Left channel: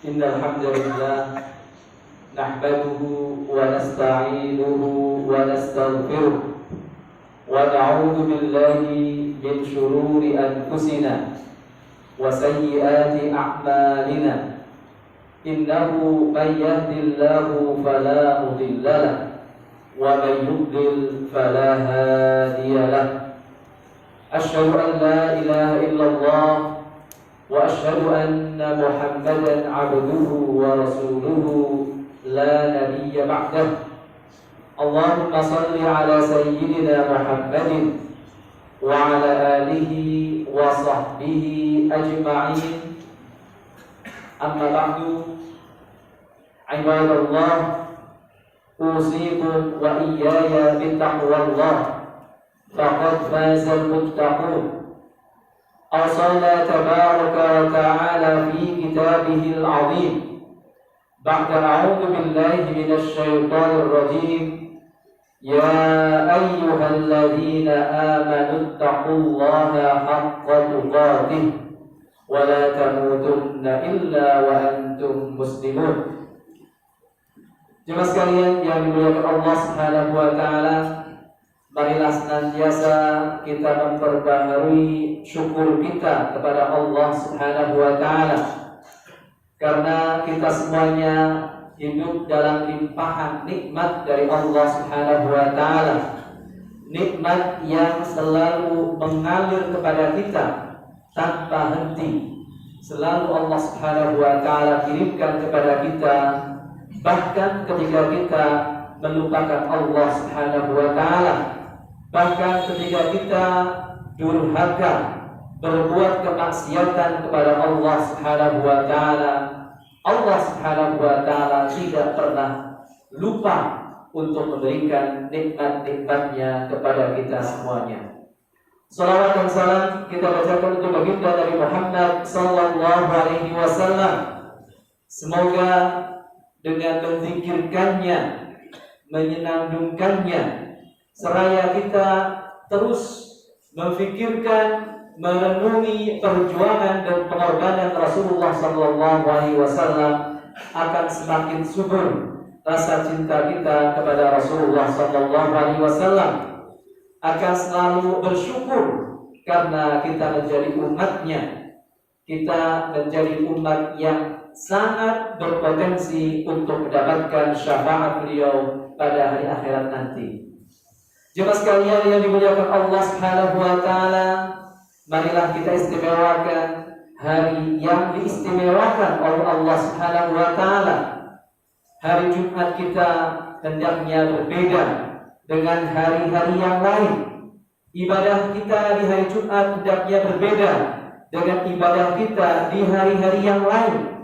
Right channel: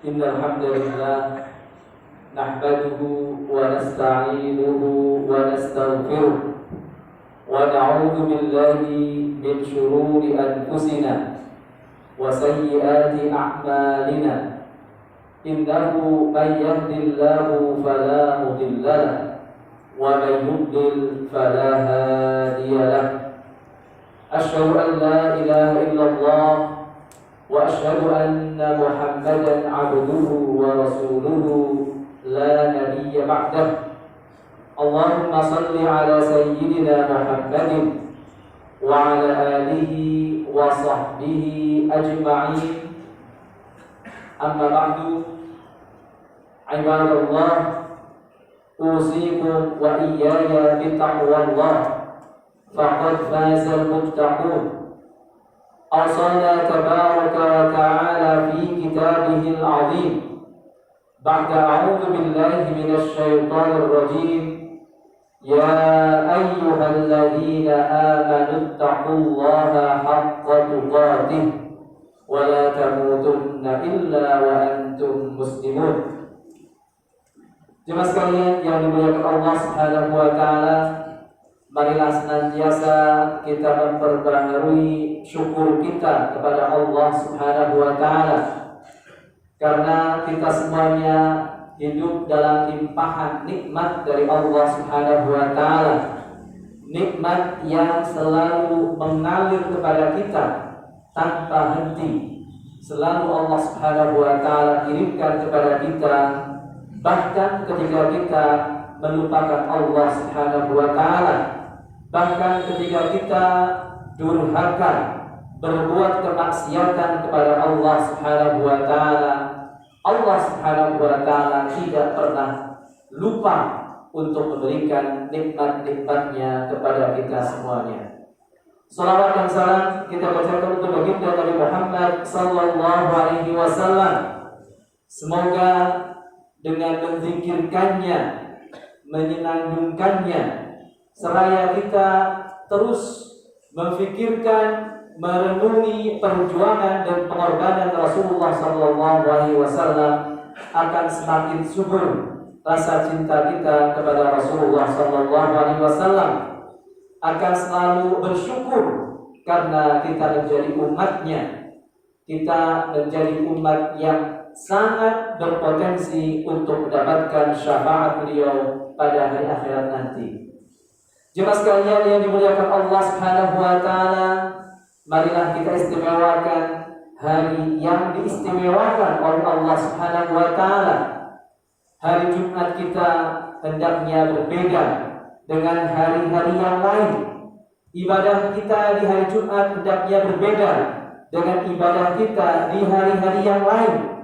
Innal hamdalillah nahmaduhu wa nasta'inuhu wa nastaghfiruh wa na'udzu billahi min shururi anfusina wa sayyiati a'malina. Innahu man yahdihillahu fala mudilla lahu wa man yudlil fala hadiya lahu. Asyhadu an la ilaha illallah wa asyhadu anna Muhammadan abduhu wa rasuluhu la nabiyya ba'dah. Allahumma salli ala sayyidina Muhammadin wa ala alihi wa sahbihi ajma'in. Amma ba'du, ibadallah, usikum wa iyaya bittaqwallah, faqad fazal muttaqun. أوصانا تبارك وتعالى في كتابه العظيم بعد أعوذ بالله من الشيطان الرجيم يا أيها الذين آمنوا اتقوا الله حق تقاته ولا تموتن إلا وأنتم مسلمون. Jemaah sekalian yang dimuliakan Allah Subhanahu wa taala, marilah senantiasa kita memperbaharui syukur kita kepada Allah Subhanahu wa taala, karena kita semuanya hidup dalam limpahan nikmat dari Allah Subhanahu wa taala, nikmat yang selalu mengalir kepada kita tanpa henti. Selalu Allah Subhanahu wa taala kirimkan kepada kita, bahkan ketika kita melupakan Allah Subhanahu wa taala, bahkan ketika kita durhaka, berbuat kemaksiatan kepada Allah Subhanahu wa taala, Allah Subhanahu wa taala tidak pernah lupa untuk memberikan nikmat-nikmatnya kepada kita semuanya. Salawat dan salam kita bacakan untuk baginda Nabi Muhammad sallallahu alaihi wasallam. Semoga dengan menzikirkannya, menyenandungkannya, seraya kita terus memfikirkan, merenungi perjuangan dan pengorbanan Rasulullah sallallahu alaihi wasallam, akan semakin subur rasa cinta kita kepada Rasulullah sallallahu alaihi wasallam, akan selalu bersyukur karena kita menjadi umatnya. Kita menjadi umat yang sangat berpotensi untuk mendapatkan syafaat beliau pada hari akhirat nanti. Jemaah sekalian yang dimuliakan Allah Subhanahu wa taala, marilah kita istimewakan hari yang diistimewakan oleh Allah Subhanahu wa taala. Hari Jumat kita hendaknya berbeda dengan hari-hari yang lain. Ibadah kita di hari Jumat hendaknya berbeda dengan ibadah kita di hari-hari yang lain.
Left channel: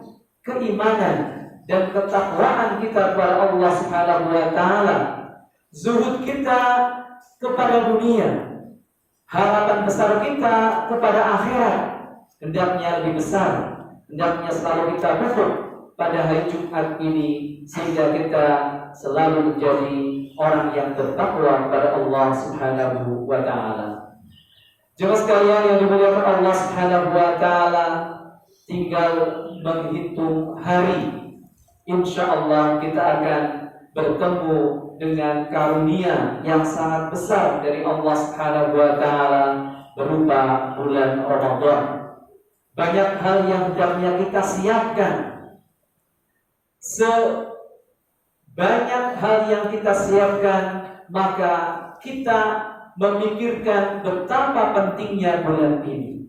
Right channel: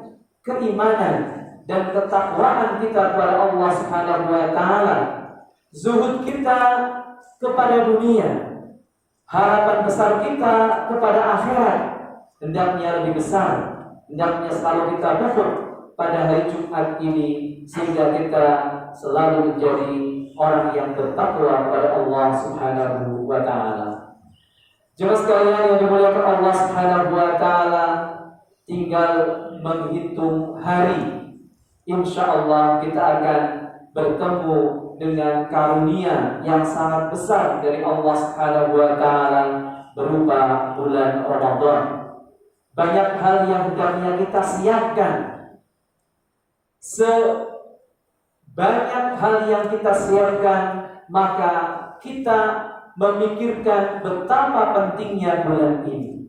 Keimanan dan ketakwaan kita kepada Allah Subhanahu wa taala, zuhud kita kepada dunia, harapan besar kita kepada akhirat hendaknya lebih besar, hendaknya selalu kita pupuk pada hari Jumat ini, sehingga kita selalu menjadi orang yang bertakwa kepada Allah Subhanahu wa taala. Jemaah sekalian yang dimuliakan Allah Subhanahu wa taala, tinggal menghitung hari, insyaallah kita akan bertemu dengan karunia yang sangat besar dari Allah Subhanahu wa taala berupa bulan Ramadan. Banyak hal yang hendaknya kita siapkan. Sebanyak hal yang kita siapkan, maka kita memikirkan betapa pentingnya bulan ini.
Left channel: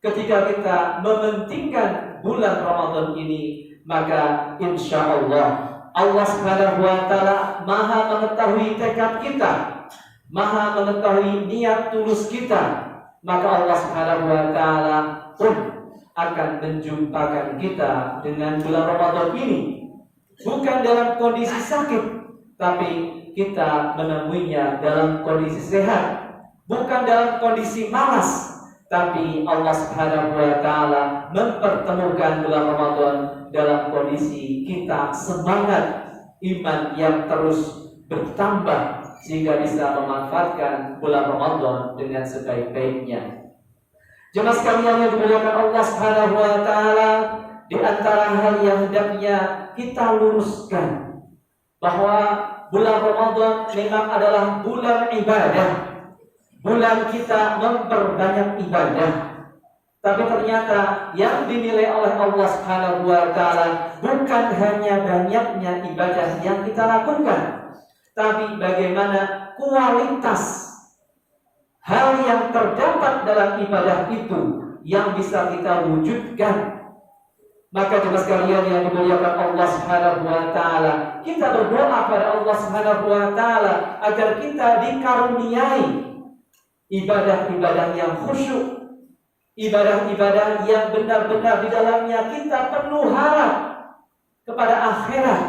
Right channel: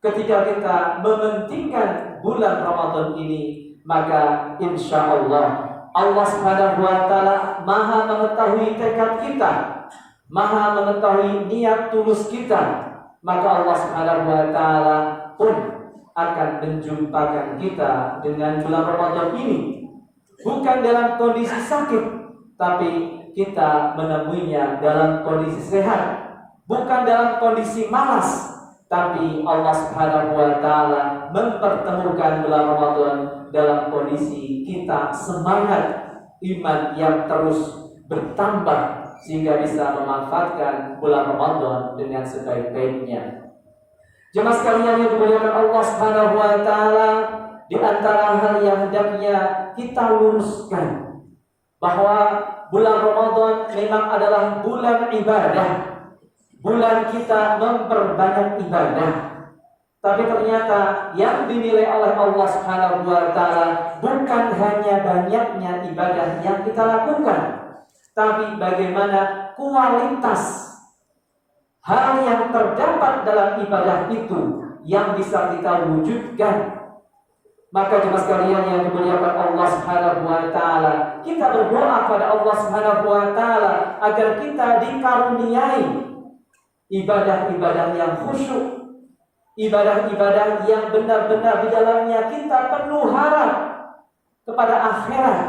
Ketika kita mementingkan bulan Ramadan ini, maka insyaallah Allah Subhanahu wa taala Maha mengetahui tekad kita, Maha mengetahui niat tulus kita, maka Allah Subhanahu wa taala pun akan menjumpakan kita dengan bulan Ramadan ini, bukan dalam kondisi sakit, tapi kita menemuinya dalam kondisi sehat, bukan dalam kondisi malas, tapi Allah Subhanahu wa taala mempertemukan bulan Ramadan dalam kondisi kita semangat, iman yang terus bertambah, sehingga bisa memanfaatkan bulan Ramadan dengan sebaik-baiknya. Jemaah sekalian yang dimuliakan Allah Subhanahu wa taala, di antara hal yang hendaknya kita luruskan bahwa bulan Ramadan memang adalah bulan ibadah. Bulan kita memperbanyak ibadah. Tapi ternyata yang dinilai oleh Allah Subhanahu wa taala bukan hanya banyaknya ibadah yang kita lakukan, tapi bagaimana kualitas hal yang terdapat dalam ibadah itu yang bisa kita wujudkan. Maka jemaah sekalian yang dimuliakan Allah Subhanahu wa taala, kita berdoa pada Allah Subhanahu wa taala agar kita dikaruniai ibadah-ibadah yang khusyuk, ibadah-ibadah yang benar-benar di dalamnya kita penuh harap kepada akhirat,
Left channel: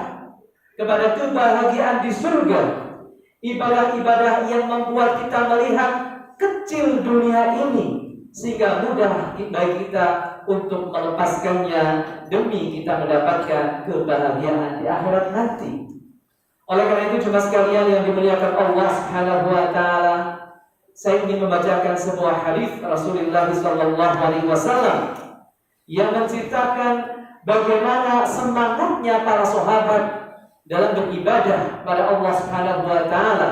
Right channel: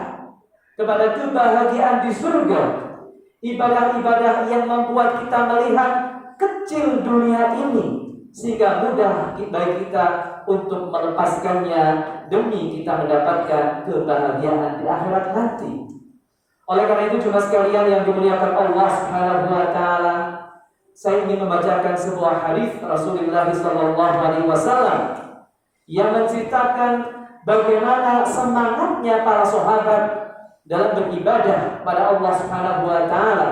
kepada kebahagiaan di surga. Ibadah-ibadah yang membuat kita melihat kecil dunia ini, sehingga mudah bagi kita untuk melepaskannya demi kita mendapatkan kebahagiaan di akhirat nanti. Oleh karena itu jemaah sekalian yang dimuliakan Allah Subhanahu wa taala, saya ingin membacakan sebuah hadis Rasulullah SAW yang menceritakan bagaimana semangatnya para sahabat dalam beribadah pada Allah Subhanahu wa taala.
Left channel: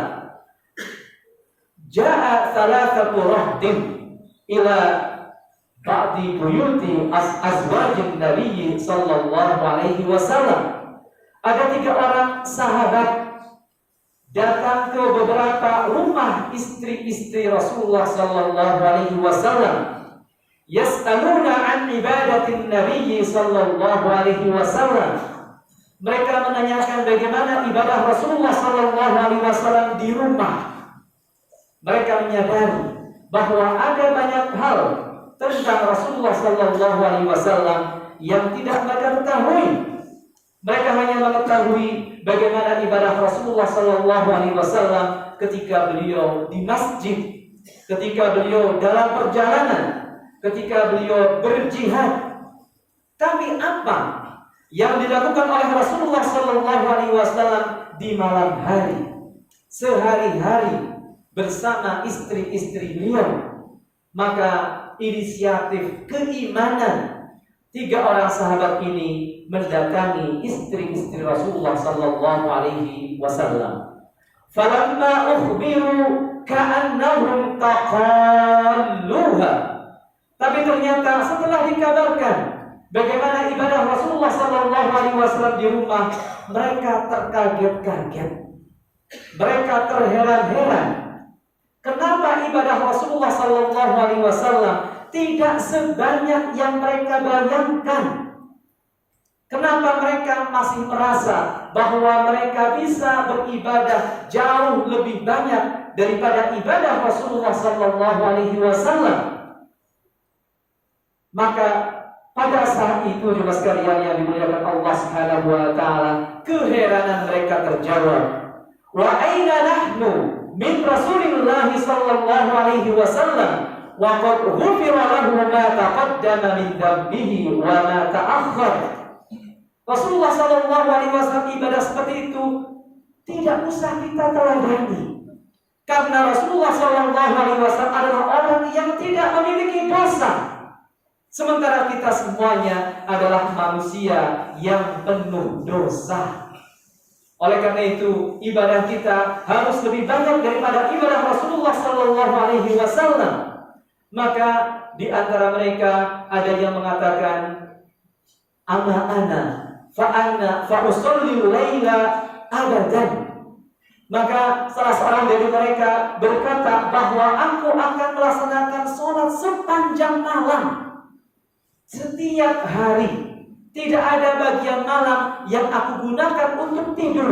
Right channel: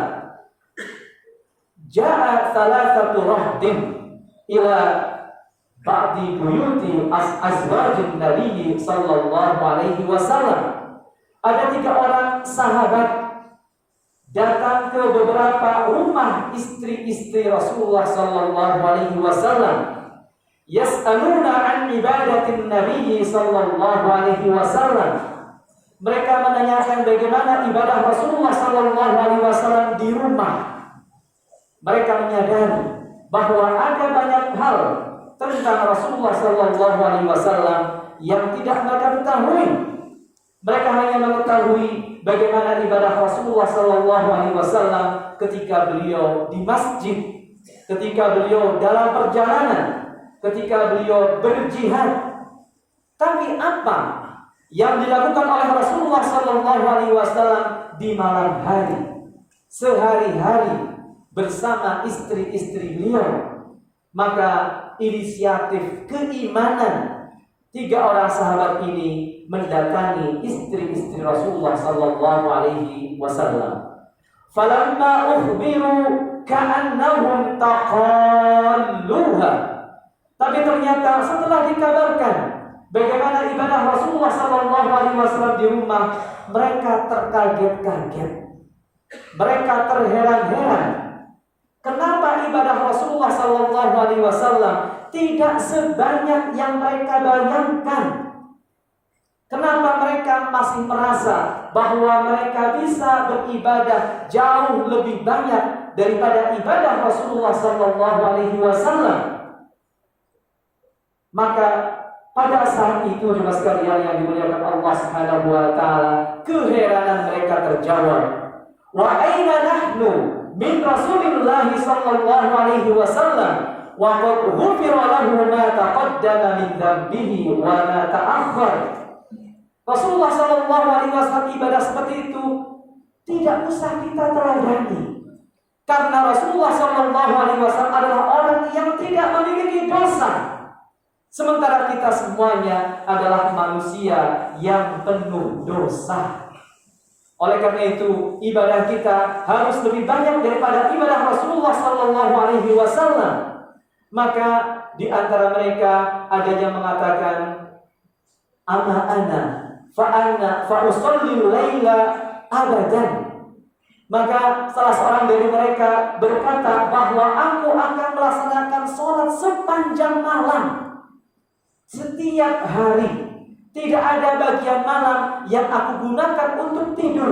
Ja'a thalathatu rahdin ila ba'di buyuti azwajin Nabi sallallahu alaihi wasallam. Ada 3 orang sahabat datang ke beberapa rumah istri-istri Rasulullah sallallahu alaihi wasallam. Yas'aluna an ibadatin Nabi sallallahu alaihi wasallam. Mereka menanyakan bagaimana ibadah Rasulullah sallallahu alaihi wasallam di rumah. Mereka menyadari bahwa ada banyak hal tentang Rasulullah sallallahu alaihi wasallam yang tidak mereka ketahui. Mereka hanya mengetahui bagaimana ibadah Rasulullah sallallahu alaihi wasallam ketika beliau di masjid, ketika beliau dalam perjalanan, ketika beliau berjihad. Tapi apa yang dilakukan oleh Rasulullah sallallahu alaihi wasallam di malam hari, sehari-hari bersama istri-istri beliau? Maka inisiatif keimanan 3 orang sahabat ini mendatangi istri-istri Rasulullah sallallahu alaihi wasallam. Falamma ukhbiru ka'annahum taqalluha. Tapi ternyata setelah dikabarkan bagaimana ibadah Rasulullah sallallahu alaihi wasallam di rumah, mereka terkaget-kaget. Mereka terheran-heran. Kenapa ibadah Rasulullah sallallahu alaihi wasallam tidak sebanyak yang mereka bayangkan? Kenapa mereka masih merasa bahwa mereka bisa beribadah jauh lebih banyak daripada ibadah Rasulullah sallallahu alaihi wasallam? Maka pada saat itu jemaah sekalian yang dimuliakan Allah Subhanahu wa taala, keheranan mereka terjawab. Wa aina nahnu min Rasulillah sallallahu alaihi wasallam wa qad ghufira lahu ma taqaddama min dhanbihi wa ma ta'akhkhar. Rasulullah sallallahu alaihi wasallam ibadah seperti itu tidak usah kita teladani, karena Rasulullah sallallahu alaihi wasallam adalah orang yang tidak memiliki dosa, sementara kita semuanya adalah manusia yang penuh dosa. Oleh karena itu, ibadah kita harus lebih banyak daripada ibadah Rasulullah sallallahu alaihi wasallam. Maka di antara mereka ada yang mengatakan, ana fa usalli laila abadan. Maka salah seorang dari mereka berkata bahwa aku akan melaksanakan sholat sepanjang malam, setiap hari. Tidak ada bagian malam yang aku gunakan untuk tidur.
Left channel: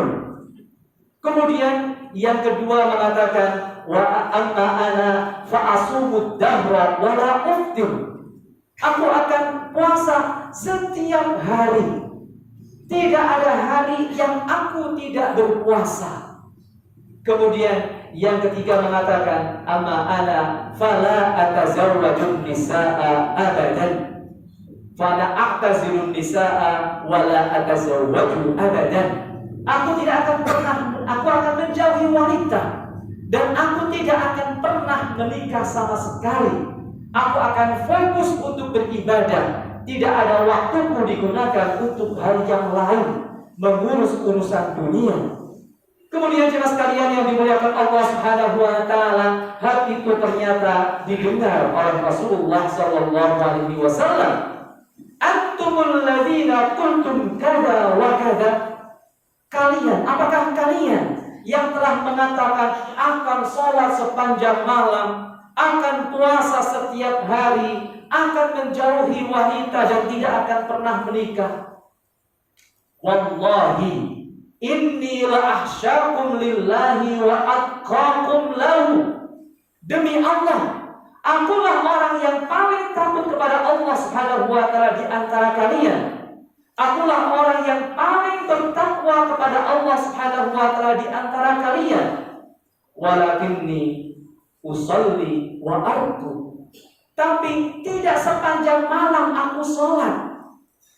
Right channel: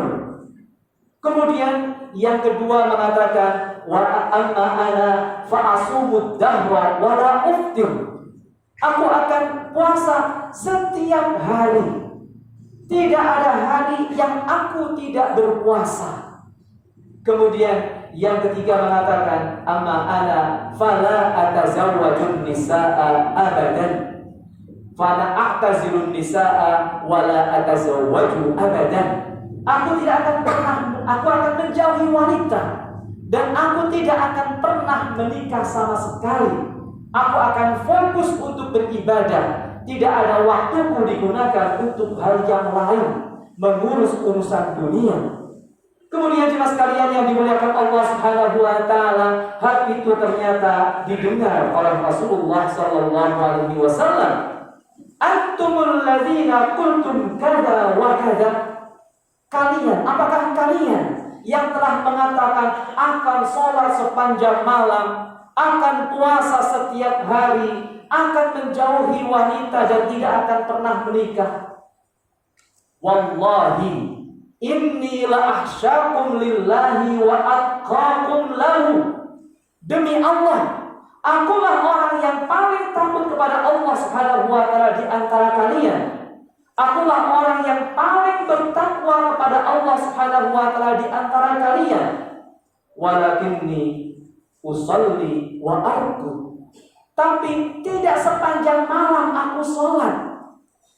Kemudian yang kedua mengatakan, wa amma ana fa asumud dahra wa la uftir. Aku akan puasa setiap hari. Tidak ada hari yang aku tidak berpuasa. Kemudian yang ketiga mengatakan, amma ana fala atazawwajun nisaa abadan. Fala a'tazilun nisaa wala atazawwaju abadan. Aku akan menjauhi wanita dan aku tidak akan pernah menikah sama sekali. Aku akan fokus untuk beribadah. Tidak ada waktuku digunakan untuk hal yang lain, mengurus urusan dunia. Kemudian jemaah sekalian yang dimuliakan Allah Subhanahu wa taala, hal itu ternyata didengar oleh Rasulullah sallallahu alaihi wasallam. Antumul ladzina qultum kada wa kada. Kalian, apakah kalian yang telah mengatakan akan sholat sepanjang malam, akan puasa setiap hari, akan menjauhi wanita dan tidak akan pernah menikah? Wallahi inni la ahsyakum lillahi wa atqakum lahu. Demi Allah, akulah orang yang paling takut kepada Allah Subhanahu wa taala di antara kalian. Akulah orang yang paling bertakwa kepada Allah Subhanahu wa taala di antara kalian. Walakinni usolli wa arku. Tapi tidak sepanjang malam aku sholat.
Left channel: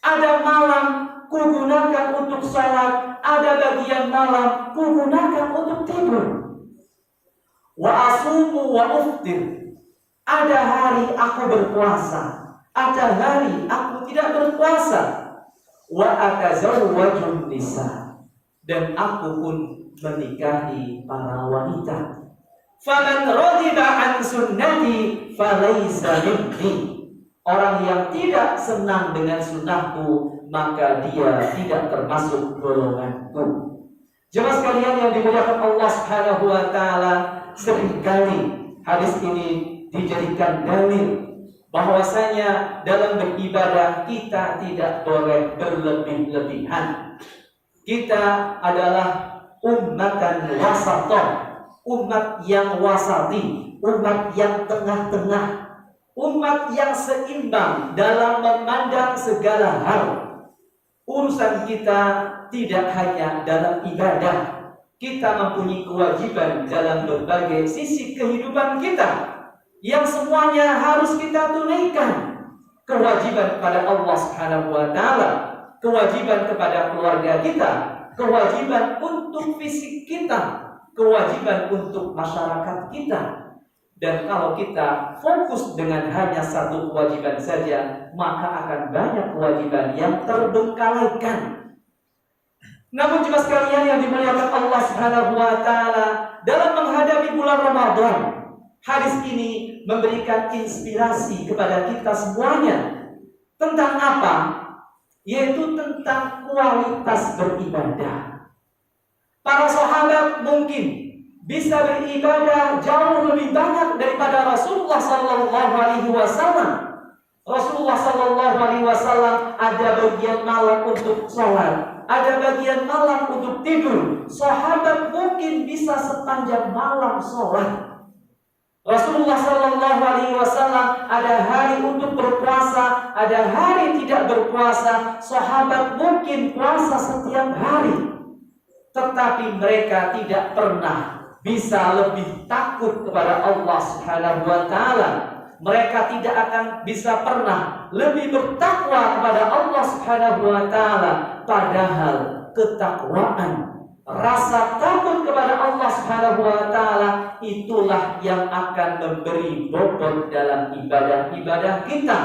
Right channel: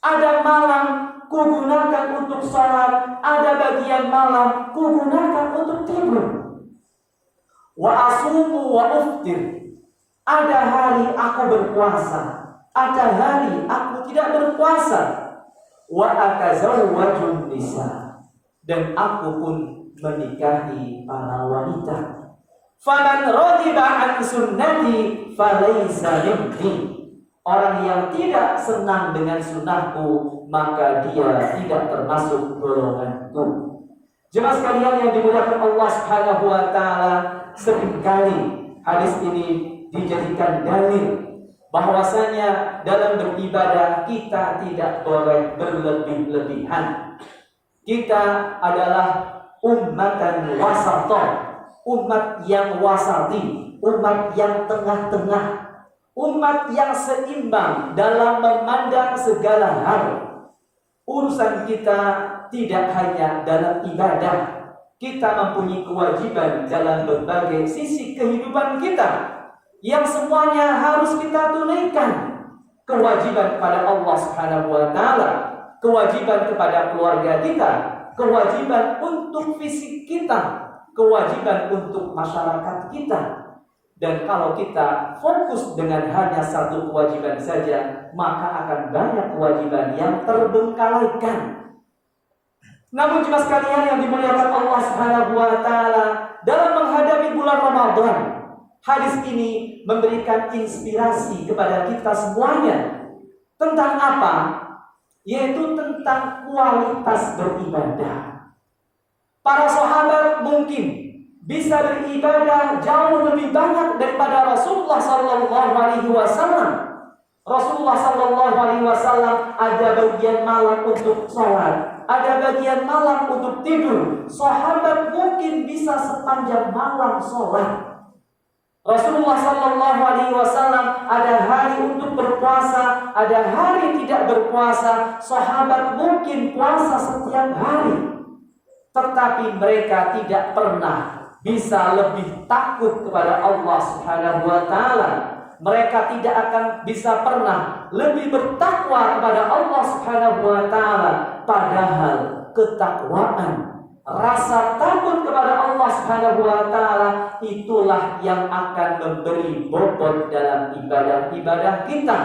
Ada malam kugunakan untuk sholat, ada bagian malam kugunakan untuk tidur. Wa asumu wa uftir. Ada hari aku berpuasa, ada hari aku tidak berpuasa. Wa atazawwajun nisa. Dan aku pun menikahi para wanita. Faman radiba an sunnati falaysa minni. Orang yang tidak senang dengan sunnahku, maka dia tidak termasuk golonganku. Jemaah sekalian yang dimuliakan Allah Subhanahu wa taala, seringkali hadis ini dijadikan dalil bahwasanya dalam beribadah kita tidak boleh berlebih-lebihan. Kita adalah ummatan wasatah, umat yang wasati, umat yang tengah-tengah, umat yang seimbang dalam memandang segala hal. Urusan kita tidak hanya dalam ibadah, kita mempunyai kewajiban dalam berbagai sisi kehidupan kita yang semuanya harus kita tunaikan. Kewajiban kepada Allah Subhanahu wa taala, kewajiban kepada keluarga kita, kewajiban untuk fisik kita, kewajiban untuk masyarakat kita. Dan kalau kita fokus dengan hanya satu kewajiban saja, maka akan banyak kewajiban yang terbengkalaikan. Namun jemaah sekalian yang dimuliakan Allah Subhanahu wa taala, dalam menghadapi bulan Ramadan, hadis ini memberikan inspirasi kepada kita semuanya. Tentang apa? Yaitu tentang kualitas beribadah. Para sahabat mungkin bisa beribadah jauh lebih banyak daripada Rasulullah sallallahu alaihi wasallam. Rasulullah sallallahu alaihi wasallam ada bagian malam untuk sholat, ada bagian malam untuk tidur. Sahabat mungkin bisa sepanjang malam sholat. Rasulullah sallallahu alaihi wasallam ada hari untuk berpuasa, ada hari tidak berpuasa. Sahabat mungkin puasa setiap hari. Tetapi mereka tidak pernah bisa lebih takut kepada Allah Subhanahu wa taala. Mereka tidak akan bisa pernah lebih bertakwa kepada Allah Subhanahu wa taala. Padahal ketakwaan, rasa takut kepada Allah Subhanahu wa taala itulah yang akan memberi bobot dalam ibadah-ibadah kita.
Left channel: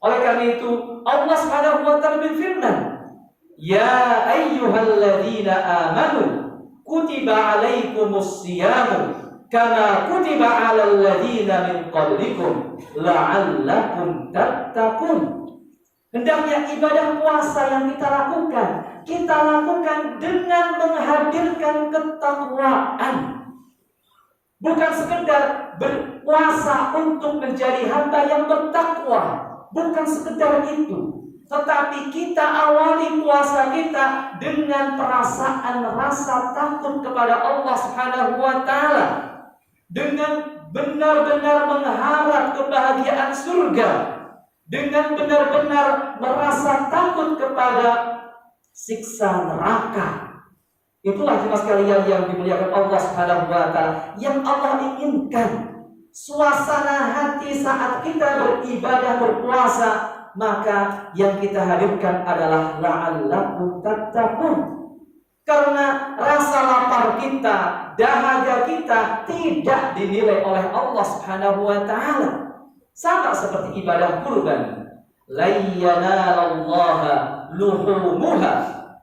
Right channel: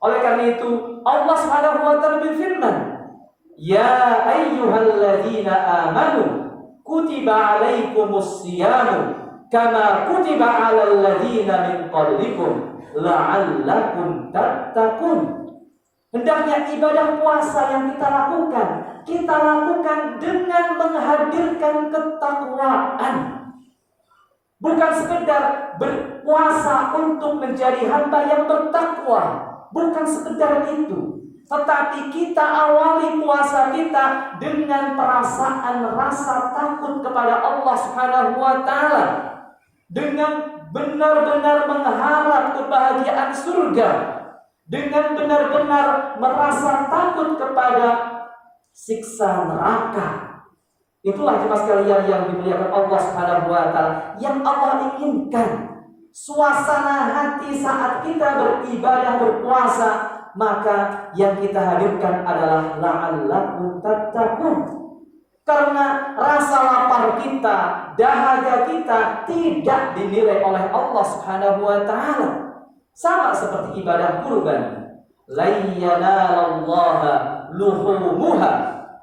Oleh karena itu Allah Subhanahu wa taala berfirman, "Ya ayyuhalladzina amanu kutiba alaikumus siyamu kama kutiba alal ladzina min qablikum la'allakum tattaqun." Hendaknya ibadah puasa yang kita lakukan dengan menghadirkan ketakwaan. Bukan sekedar berpuasa untuk menjadi hamba yang bertakwa, bukan sekedar itu. Tetapi kita awali puasa kita dengan perasaan rasa takut kepada Allah Subhanahu wa taala, dengan benar-benar mengharap kebahagiaan surga, dengan benar-benar merasa takut kepada siksa neraka. Itulah jemaah sekalian yang dimuliakan Allah Subhanahu wa taala, yang Allah inginkan. Suasana hati saat kita beribadah berpuasa, maka yang kita hadirkan adalah la'allakum tattaqun. Karena rasa lapar kita, dahaga kita tidak dinilai oleh Allah Subhanahu wa taala. Sama seperti ibadah kurban. La yanalallaha luhumuha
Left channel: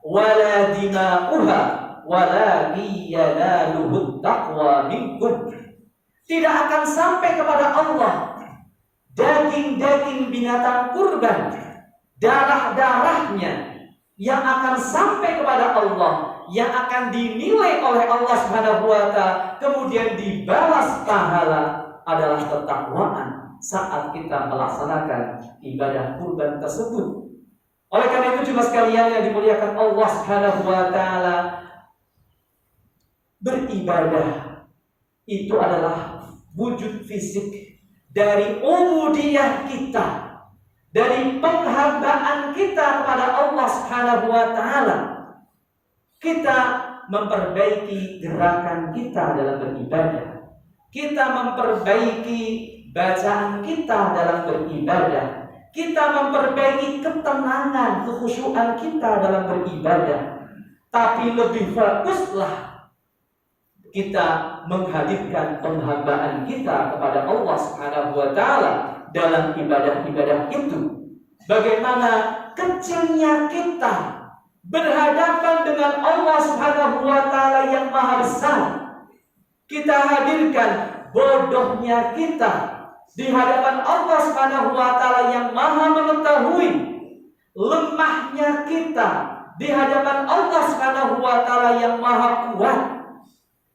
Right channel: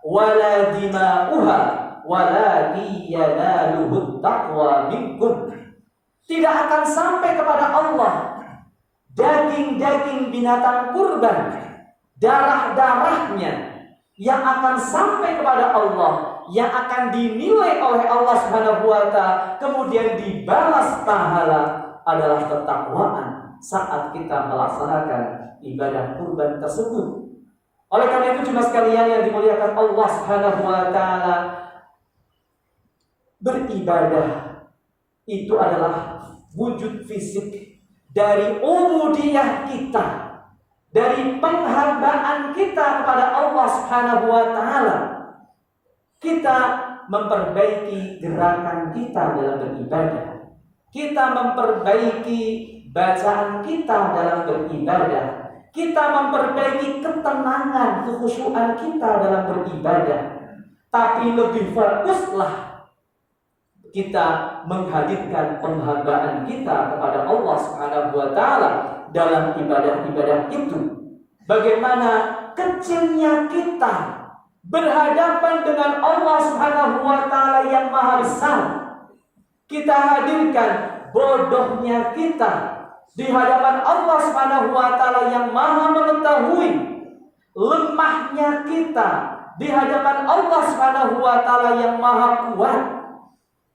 wala dima'uha walakin yanaluhut taqwa minkum. Tidak akan sampai kepada Allah daging-daging binatang kurban, darah-darahnya. Yang akan sampai kepada Allah, yang akan dinilai oleh Allah Subhanahu wa Ta'ala, kemudian dibalas pahala adalah ketakwaan saat kita melaksanakan ibadah kurban tersebut. Oleh karena itu jemaah sekalian yang dimuliakan Allah Subhanahu wa Ta'ala, beribadah itu adalah wujud fisik dari ubudiyah kita, dari penghambaan kita kepada Allah Subhanahu wa Ta'ala. Kita memperbaiki gerakan kita dalam beribadah. Kita memperbaiki bacaan kita dalam beribadah. Kita memperbaiki ketenangan, kekhusyuan kita dalam beribadah. Tapi lebih fokuslah kita menghadirkan penghambaan kita kepada Allah Subhanahu wa Ta'ala dalam ibadah-ibadah itu. Bagaimana kecilnya kita berhadapan dengan Allah Subhanahu wa Ta'ala yang maha besar. Kita hadirkan bodohnya kita di hadapan Allah Subhanahu wa Ta'ala yang maha mengetahui. Lemahnya kita di hadapan Allah Subhanahu wa Ta'ala yang maha kuat.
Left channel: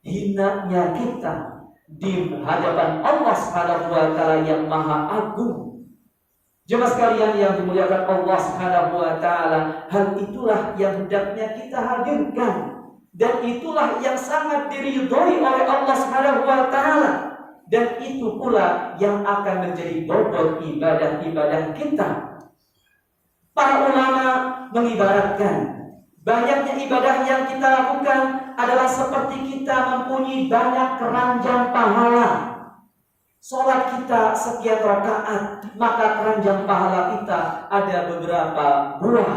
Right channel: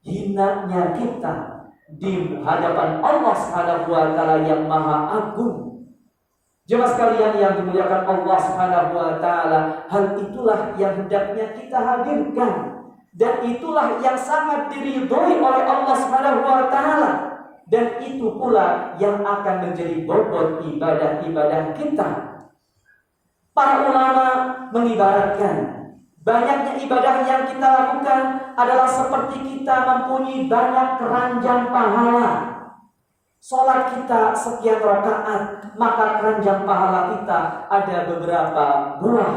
Hinanya kita di hadapan Allah Subhanahu wa Ta'ala yang maha agung. Jemaah sekalian yang dimuliakan Allah Subhanahu wa Ta'ala, hal itulah yang hendaknya kita hadirkan, dan itulah yang sangat diridhoi oleh Allah Subhanahu wa Ta'ala, dan itu pula yang akan menjadi bobot ibadah-ibadah kita. Para ulama mengibaratkan banyaknya ibadah yang kita lakukan adalah seperti kita mempunyai banyak keranjang pahala. Salat kita sekian rakaat, maka keranjang pahala kita ada beberapa buah.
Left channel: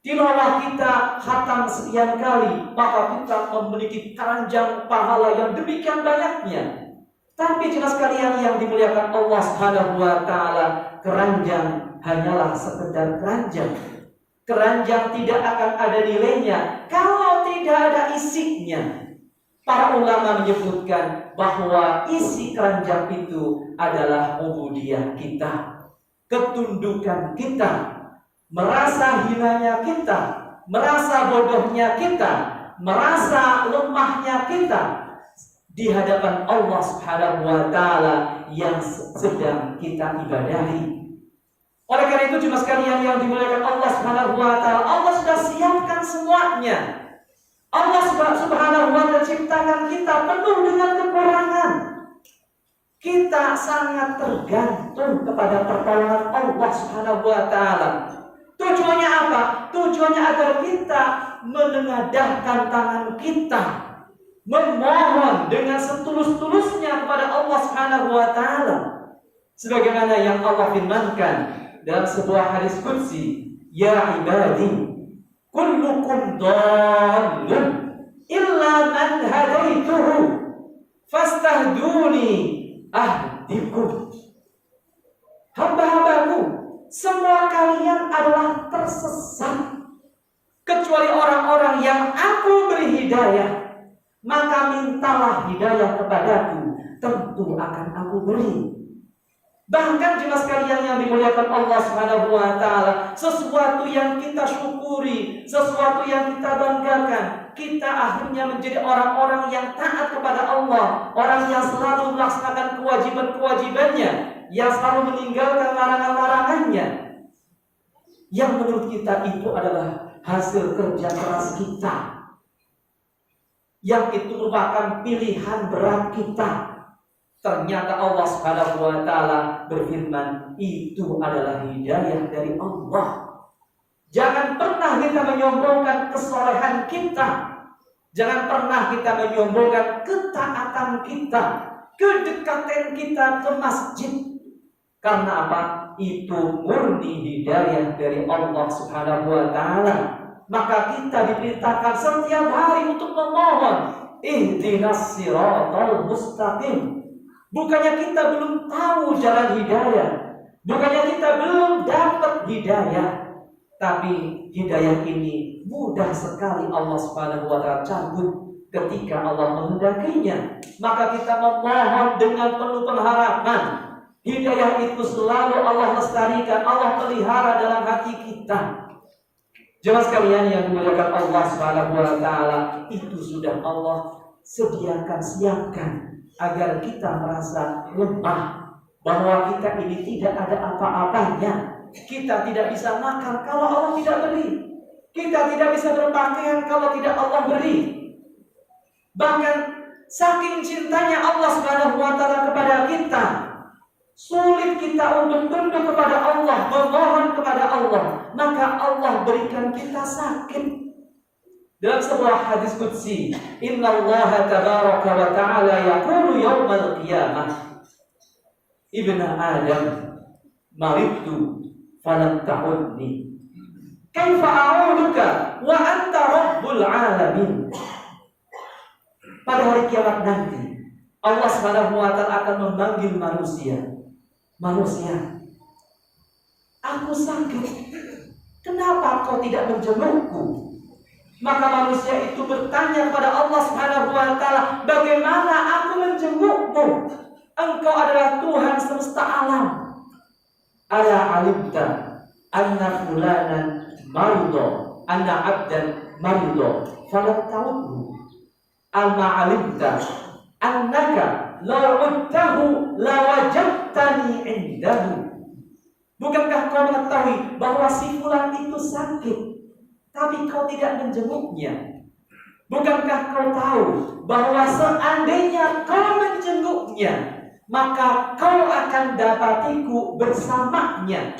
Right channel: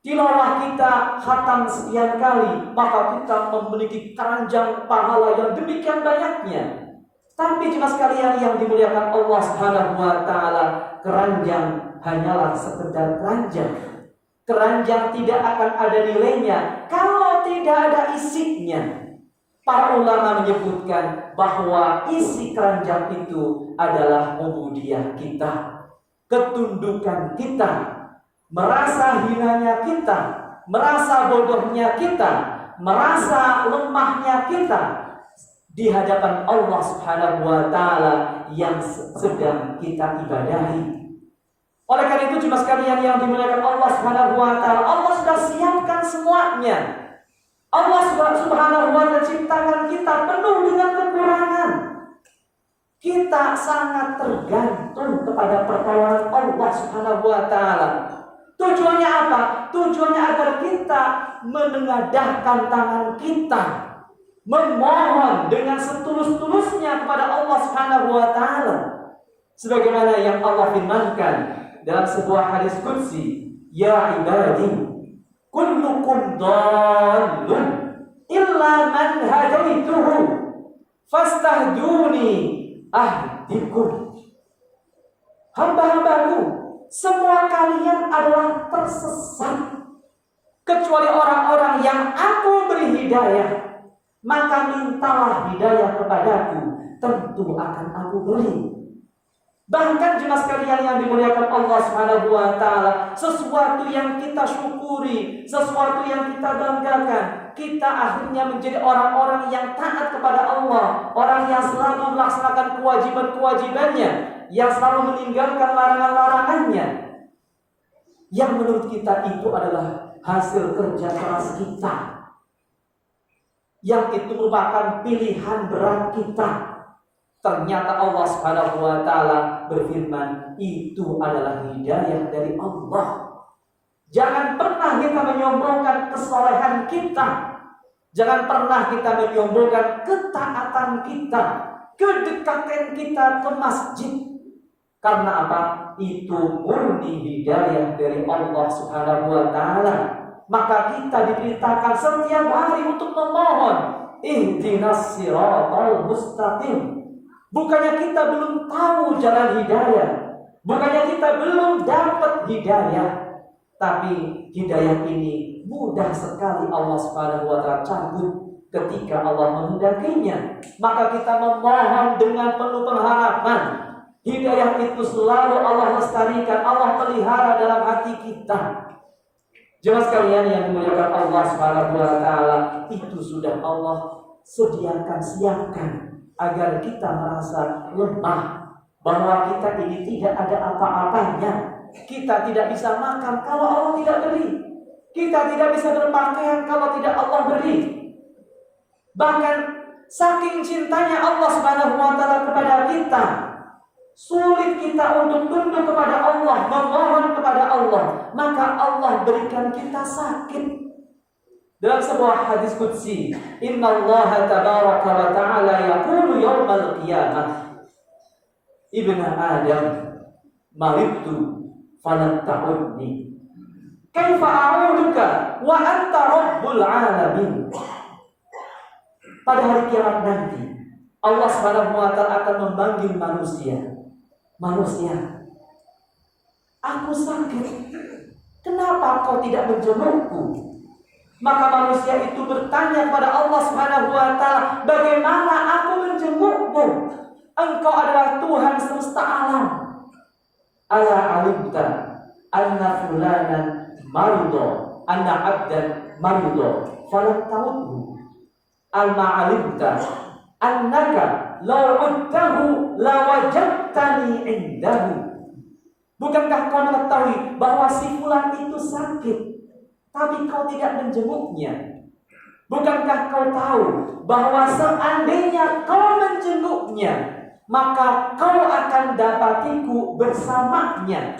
Tilawah kita khatam sekian kali, maka kita memiliki keranjang pahala yang demikian banyaknya. Tapi jemaah sekalian yang dimuliakan Allah Subhanahu wa Ta'ala, keranjang hanyalah sekedar keranjang. Keranjang tidak akan ada nilainya kalau tidak ada isinya. Para ulama menyebutkan bahwa isi keranjang itu adalah ubudiyah kita, ketundukan kita, merasa hinanya kita, merasa bodohnya kita, merasa lemahnya kita di hadapan Allah Subhanahu wa Ta'ala yang sedang kita ibadahi. Oleh karena itu jemaah sekalian yang dimuliakan Allah Subhanahu wa Ta'ala, Allah sudah siapkan semuanya. Allah Subhanahu wa Ta'ala ciptakan kita penuh dengan kekurangan. Kita sangat tergantung kepada pertolongan Allah Subhanahu wa Ta'ala. Tujuannya apa? Tujuannya agar kita menengadahkan tangan kita, memohon dengan setulus-tulusnya kepada Allah Subhanahu wa Ta'ala. Sebagaimana yang Allah firmankan dalam sebuah hadis qudsi, ya ibadi kullukum dhallun illa man hadaituhu fastahduni ahdikum. Hamba-hambaku, semua kalian adalah tersesat kecuali orang-orang yang aku beri hidayah, maka mintalah hidayah kepadaku, tentu akan aku beri. Bahkan jemaah sekalian yang dimuliakan Allah Subhanahu wa Ta'ala, sesuatu yang kita syukuri, sesuatu yang kita banggakan, kita akhirnya menjadi orang-orang yang taat kepada Allah, orang yang selalu melaksanakan kewajiban-kewajibannya, yang selalu meninggalkan larangan-larangannya, yang menurut kita itu adalah hasil kerja keras kita, yang itu merupakan pilihan berat kita. Ternyata Allah Subhanahu wa Ta'ala berfirman, itu adalah hidayah dari Allah. Jangan pernah kita menyombongkan kesolehan kita. Jangan pernah kita menyombongkan ketaatan kita, kedekatan kita ke masjid. Karena apa? Itu murni hidayah dari Allah Subhanahu wa Ta'ala. Maka kita diperintahkan setiap hari untuk memohon ihdinas siratal mustaqim. Bukannya kita belum tahu jalan hidayah, bukannya kita belum dapat hidayah, tapi hidayah ini mudah sekali Allah Subhanahu wa taala cabut ketika Allah menghendakinya. Maka kita memohon dengan penuh pengharapan, hidayah itu selalu Allah lestarikan, Allah pelihara dalam hati kita. Jemaah sekalian yang dimuliakan Allah Subhanahu wa taala, itu sudah Allah sediakan, siapkan agar kita merasa lemah, bahwa kita ini tidak ada apa-apanya. Kita tidak bisa makan kalau Allah tidak beri. Kita tidak bisa berpakaian kalau tidak Allah beri. Bahkan saking cintanya Allah Subhanahu wa taala kepada kita, sulit kita untuk tunduk kepada Allah, memohon kepada Allah, maka Allah berikan kita sakit. Dalam sebuah hadis qudsi, innallaha tabaraka wa ta'ala yaqulu yaumal qiyamah, ibna Adam maridtu falam ta'udni kaifa a'uduka wa anta rabbul alamin. Pada hari kiamat nanti Allah Subhanahu wa taala akan memanggil manusia, aku sakit, kenapa kau tidak menjengukku? Maka manusia itu bertanya kepada Allah Subhanahu wa taala, bagaimana aku menjengukmu? Engkau adalah Tuhan semesta alam. Ala alimta anna fulanan marido, anna abdan marido, falam ta'udhu. Alma alimta annaka law udtahu lawajadtani indahu. Bukankah kau mengetahui bahwa si fulan itu sakit, tapi kau tidak menjenguknya? Bukankah kau tahu bahwa seandainya kau menjenguknya, maka kau akan dapatiku bersamanya?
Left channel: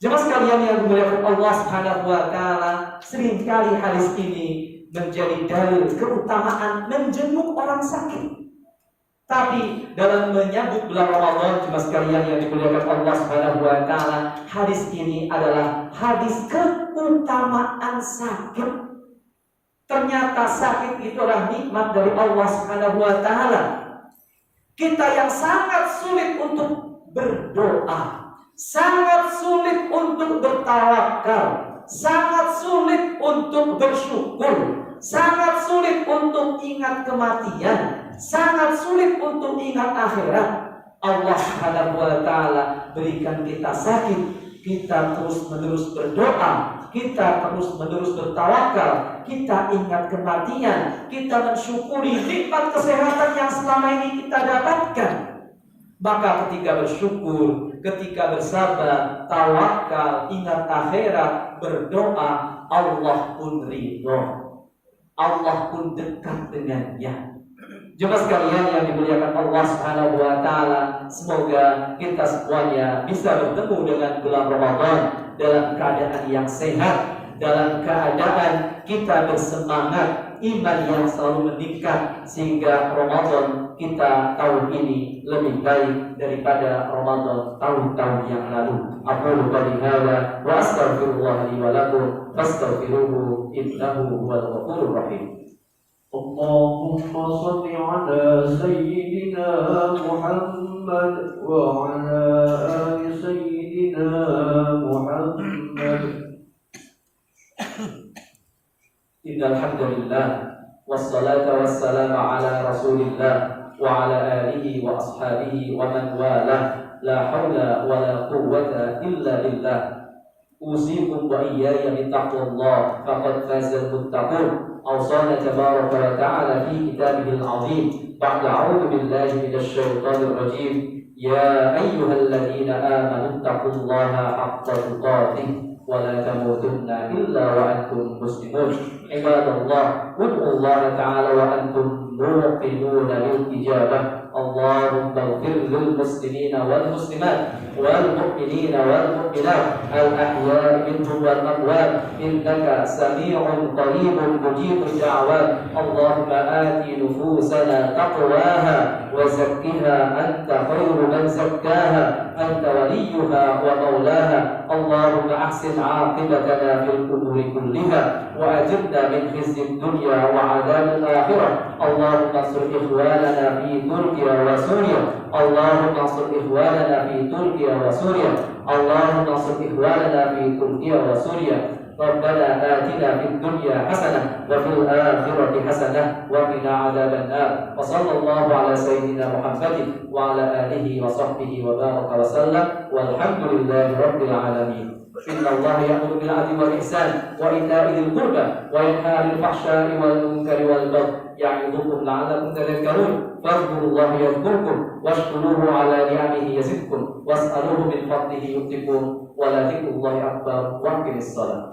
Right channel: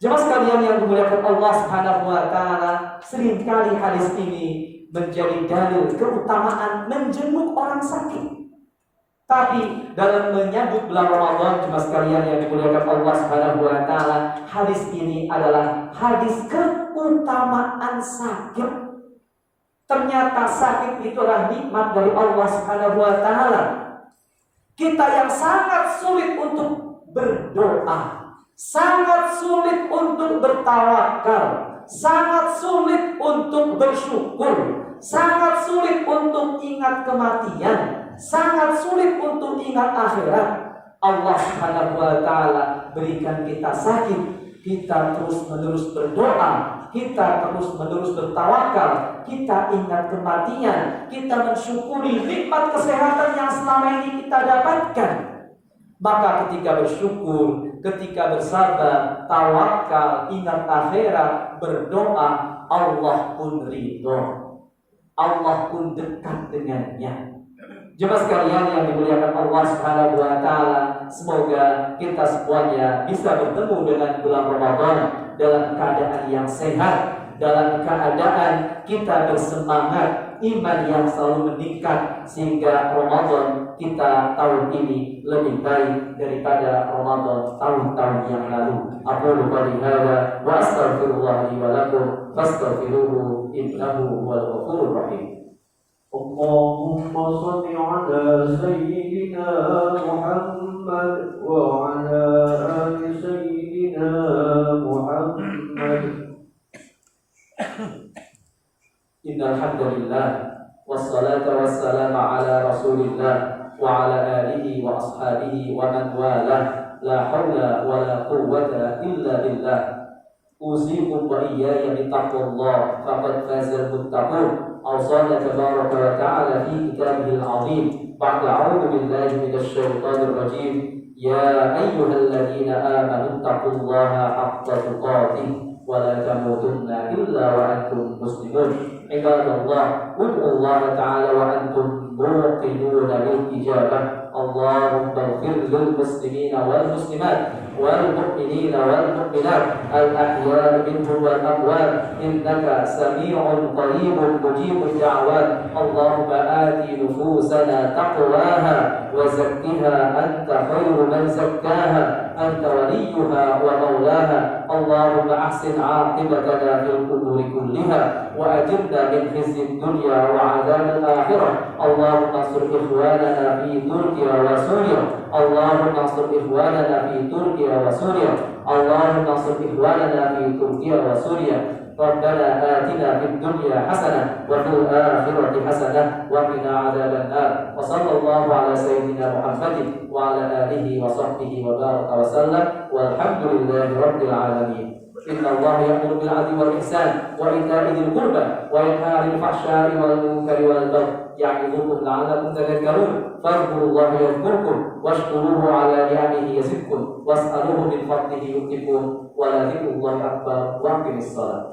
Jemaah sekalian yang dimuliakan Allah Subhanahu wa taala, seringkali hadis ini menjadi dalil keutamaan menjenguk orang sakit. Tapi dalam menyambut bulan Ramadan, jemaah sekalian yang dimuliakan Allah Subhanahu wa taala, hadis ini adalah hadis keutamaan sakit. Ternyata sakit itu adalah nikmat dari Allah Subhanahu wa taala. Kita yang sangat sulit untuk berdoa, sangat sulit untuk bertawakal, sangat sulit untuk bersyukur, sangat sulit untuk ingat kematian, sangat sulit untuk ingat akhirat. Allah Subhanahu wa taala berikan kita sakit, kita terus-menerus berdoa, kita terus-menerus bertawakal, kita ingat kematian, kita mensyukuri nikmat kesehatan yang selama ini kita dapatkan. Maka ketika bersyukur, ketika bersabar, tawakal, ingat akhirat, berdoa, Allah pun ridho, Allah pun dekat dengannya. Jemaah sekalian yang dimuliakan Allah Subhanahu wa taala, semoga kita semuanya bisa bertemu dengan bulan Ramadan dalam keadaan yang sehat, dalam keadaan kita bersemangat, iman yang selalu meningkat, sehingga Ramadan kita tahun ini lebih baik daripada Ramadan tahun-tahun yang lalu. Aqulu qali hadza wa astaghfirullah li wa lakum fastaghfiruhu innahu huwal ghafurur rahim. Allahumma shalli ala sayyidina Muhammad wa ala ali sayyidina Muhammad. Innal hamdalillah wassalatu wassalamu ala Rasulillah wa ala alihi wa ashabihi wa man wala, la haula wa la quwwata illa billah. Usikum wa iyaya bittaqwallah faqad fazal muttaqun. أوصانا تبارك وتعالى في كتابه العظيم بعد أعوذ بالله من الشيطان الرجيم يا أيها الذين آمنوا اتقوا الله حق تقاته ولا تموتن إلا وأنتم مسلمون. عباد الله ادعوا الله تعالى وأنتم موقنون بالإجابة. اللهم اغفر للمسلمين والمسلمات والمؤمنين والمؤمنات الأحياء منهم والأموات إنك سميع قريب مجيب الدعوات. اللهم آت نفوسنا تقواها وزكها أنت خير من زكاها أنت وليها ومولاها. اللهم أحسن عاقبتنا في الأمور كلها وأجرنا من خزي الدنيا وعذاب الآخرة. اللهم انصر إخواننا في تركيا وسوريا. اللهم انصر إخواننا في تركيا وسوريا. اللهم انصر إخواننا في تركيا وسوريا. ربنا آتنا في الدنيا حسنة وفي الآخرة حسنة وقنا عذاب النار. وصلى الله على سيدنا محمد وعلى آله وصحبه وبارك وسلم والحمد لله رب العالمين. إن الله يأمر بالعدل والإحسان وإيتاء ذي القربى وينهى عن الفحشاء والمنكر والبغي يعظكم لعلكم تذكرون. فاذكروا الله يذكركم واشكروه على نعمه يزدكم واسألوه من فضله يؤتكم ولذكر الله أكبر وأقم الصلاة.